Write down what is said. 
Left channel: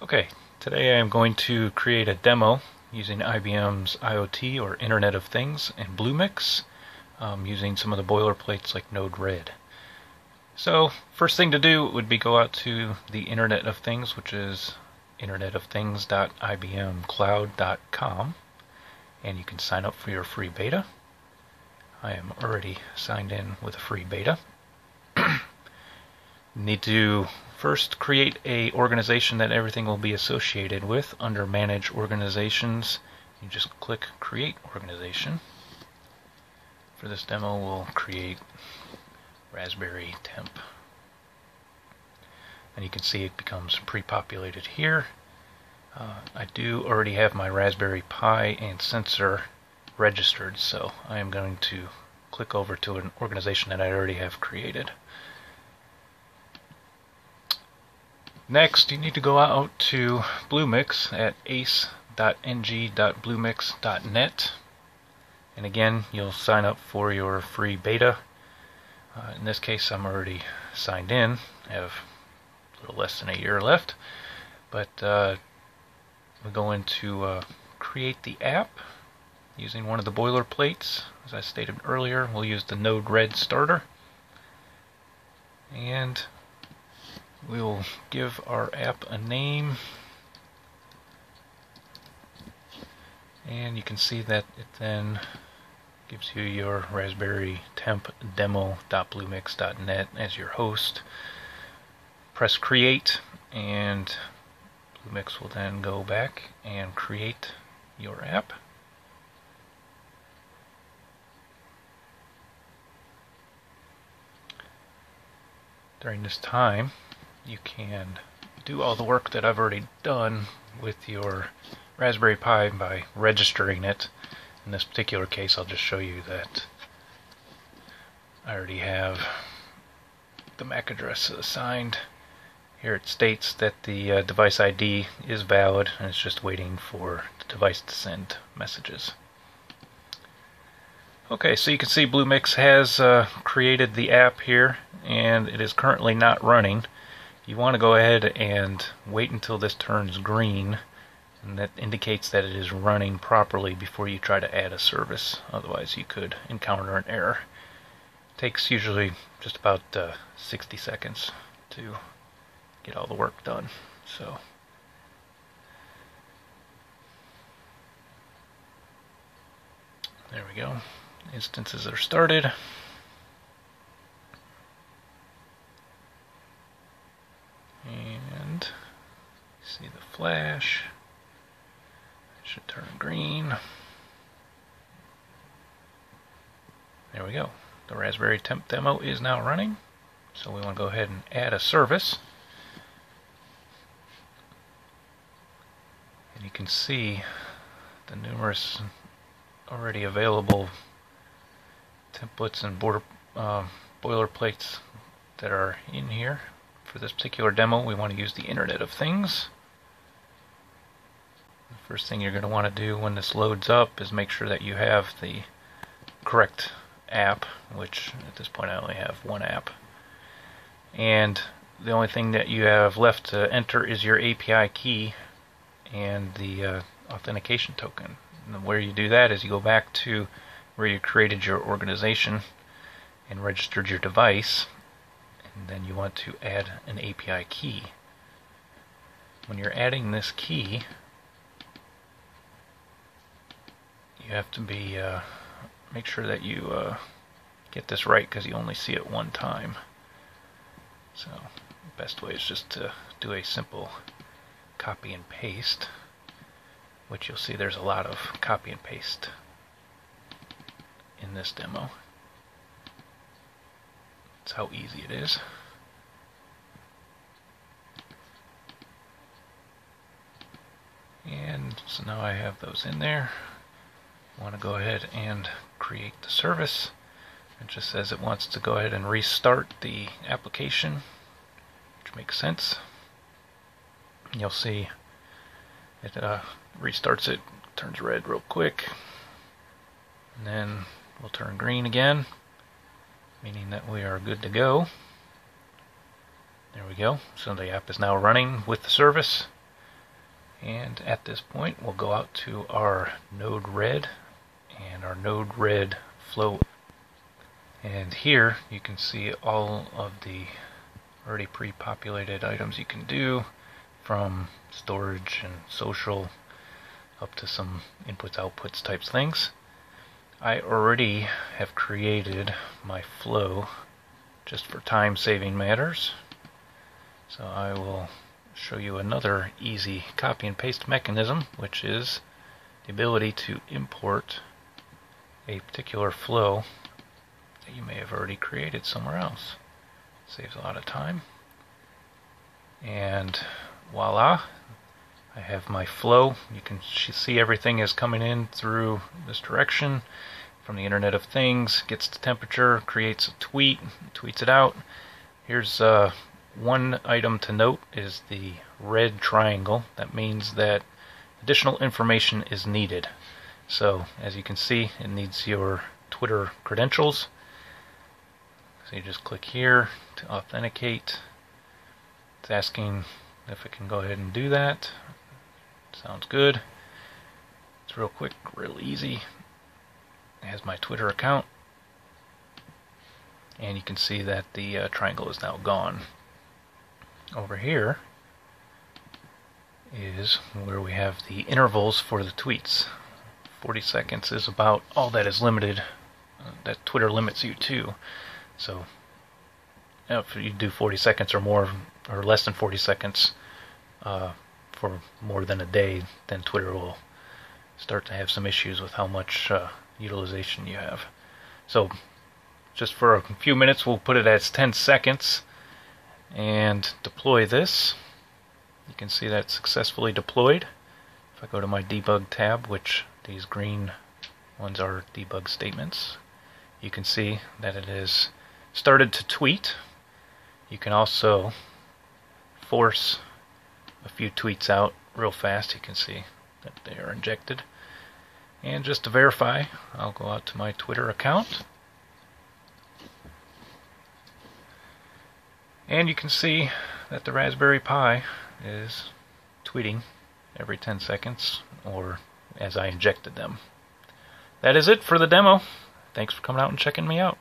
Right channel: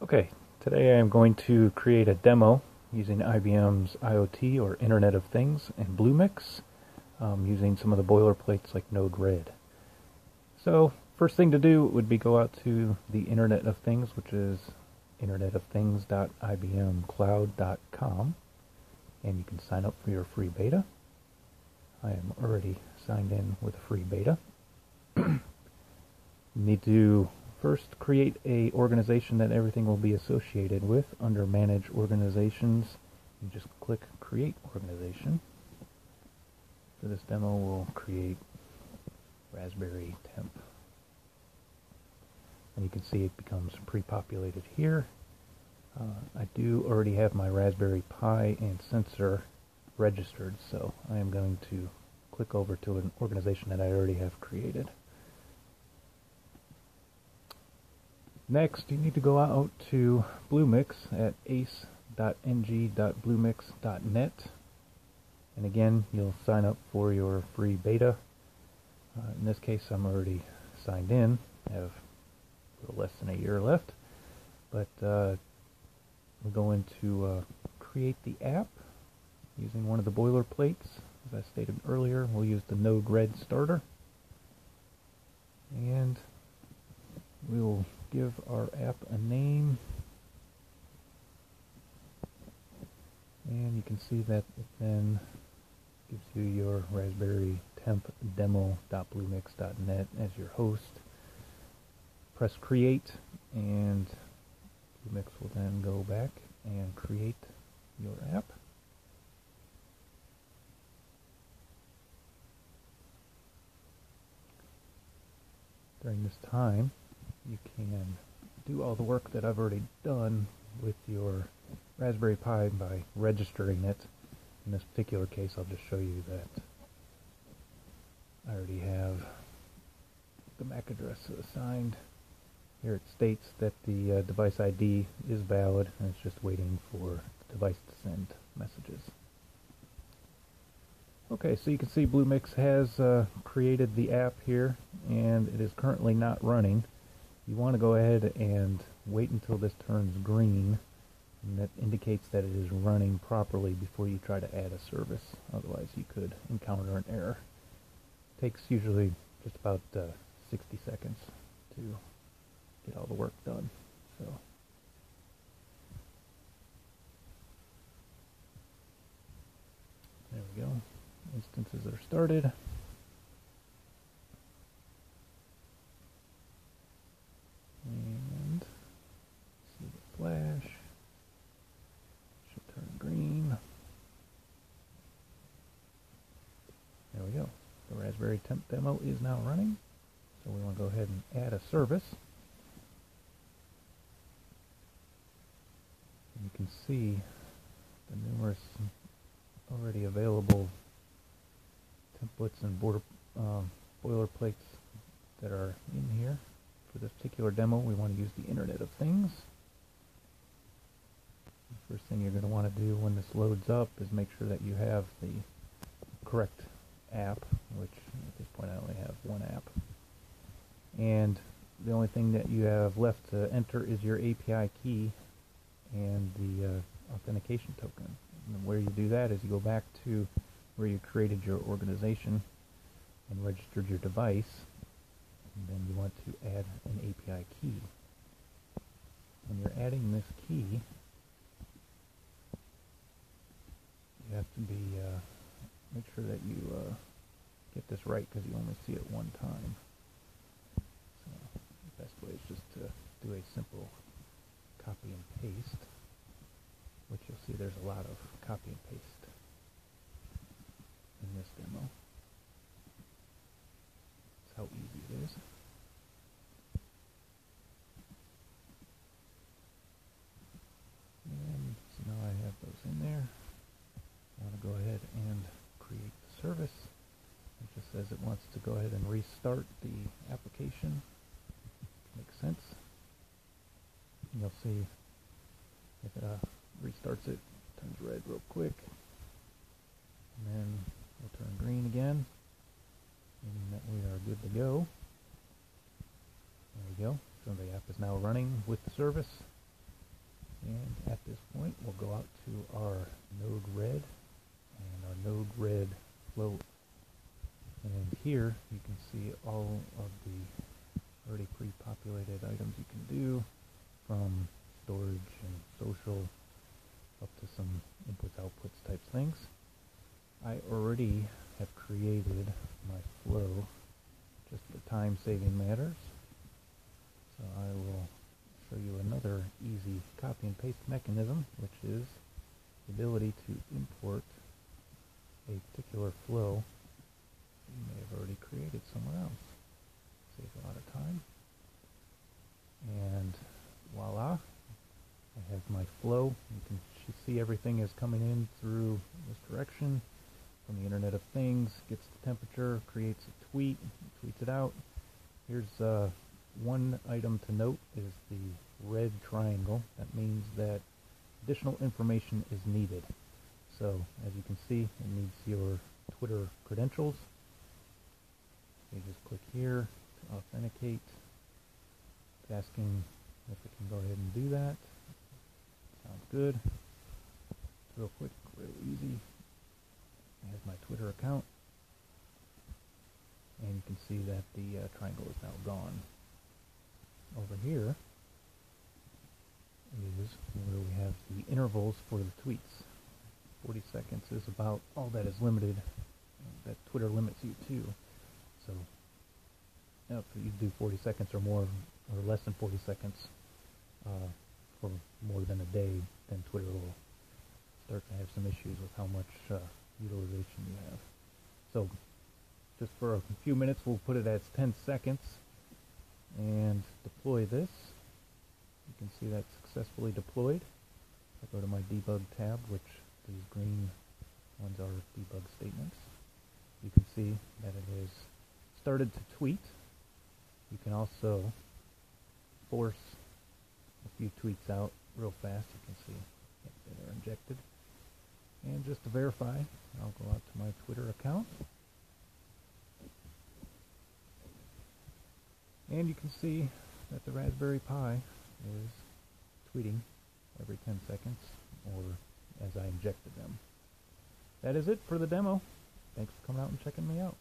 Okay, today I am going to create a demo using IBM's IoT or Internet of Things and BlueMix using some of the boilerplates like Node-RED. So first thing to do would be go out to the Internet of Things, which is internetofthings.ibmcloud.com, and you can sign up for your free beta. I am already signed in with a free beta. Need to first create a organization that everything will be associated with. Under Manage Organizations, you just click Create Organization. For this demo, we'll create Raspberry Temp. And you can see it becomes pre-populated here. I do already have my Raspberry Pi and sensor registered, so I am going to click over to an organization that I already have created. Next, you need to go out to BlueMix at ace.ng.bluemix.net, and again, you'll sign up for your free beta. In this case, I'm already signed in. I have a little less than a year left, but we're going to create the app using one of the boilerplates. As I stated earlier, we'll use the Node-RED starter, and we'll give our app a name, and you can see that it then gives you your Raspberry Temp demo.bluemix.net as your host. Press create, and BlueMix will then go back and create your app. During this time, you can do all the work that I've already done with your Raspberry Pi by registering it. In this particular case, I'll just show you that I already have the MAC address assigned. Here it states that the device ID is valid, and it's just waiting for the device to send messages. Okay, so you can see BlueMix has created the app here, and it is currently not running. You want to go ahead and wait until this turns green, and that indicates that it is running properly before you try to add a service. Otherwise you could encounter an error. It takes usually just about 60 seconds to get all the work done. So there we go. Instances are started. And see the flash. It should turn green. There we go. The Raspberry Temp demo is now running. So we want to go ahead and add a service. And you can see the numerous already available templates and boilerplates that are in here. For this particular demo, we want to use the Internet of Things. The first thing you're going to want to do when this loads up is make sure that you have the correct app, which at this point I only have one app. And the only thing that you have left to enter is your API key and the authentication token. And where you do that is you go back to where you created your organization and registered your device, and then you want to add an API key. When you're adding this key, you have to be make sure that you get this right, because you only see it one time. So the best way is just to do a simple copy and paste, which you'll see there's a lot of copy and paste in this demo. That's how easy it is. And so now I have those in there. I want to go ahead and create the service. It just says it wants to go ahead and restart the application, which makes sense. You'll see it restarts it, turns red real quick, and then will turn green again, meaning that we are good to go. There we go. So the app is now running with the service. And at this point, we'll go out to our node red and our node red flow. And here you can see all of the already pre-populated items you can do, from storage and social up to some inputs outputs types things. I already have created my flow just for time saving matters, so I will show you another easy copy and paste mechanism, which is the ability to import a particular flow that you may have already created somewhere else. Saves a lot of time. And voila, I have my flow. You can see everything is coming in through this direction from the Internet of Things, gets the temperature, creates a tweet, tweets it out. Here's one item to note is the red triangle. That means that additional information is needed. So as you can see, it needs your Twitter credentials. So you just click here to authenticate. It's asking if it can go ahead and do that. Sounds good. It's real quick, real easy. It has my Twitter account. And you can see that the triangle is now gone. Over here is where we have the intervals for the tweets. 40 seconds is about all that is limited, that Twitter limits you to. So if you do 40 seconds or more, or less than 40 seconds for more than a day, then Twitter will start to have some issues with how much utilization you have. So just for a few minutes, we'll put it as 10 seconds and deploy this. You can see that successfully deployed. If I go to my debug tab, which these green ones are debug statements, you can see that it has started to tweet. You can also force a few tweets out real fast. You can see that they are injected. And just to verify, I'll go out to my Twitter account. And you can see that the Raspberry Pi is tweeting every 10 seconds, or as I injected them. That is it for the demo. Thanks for coming out and checking me out.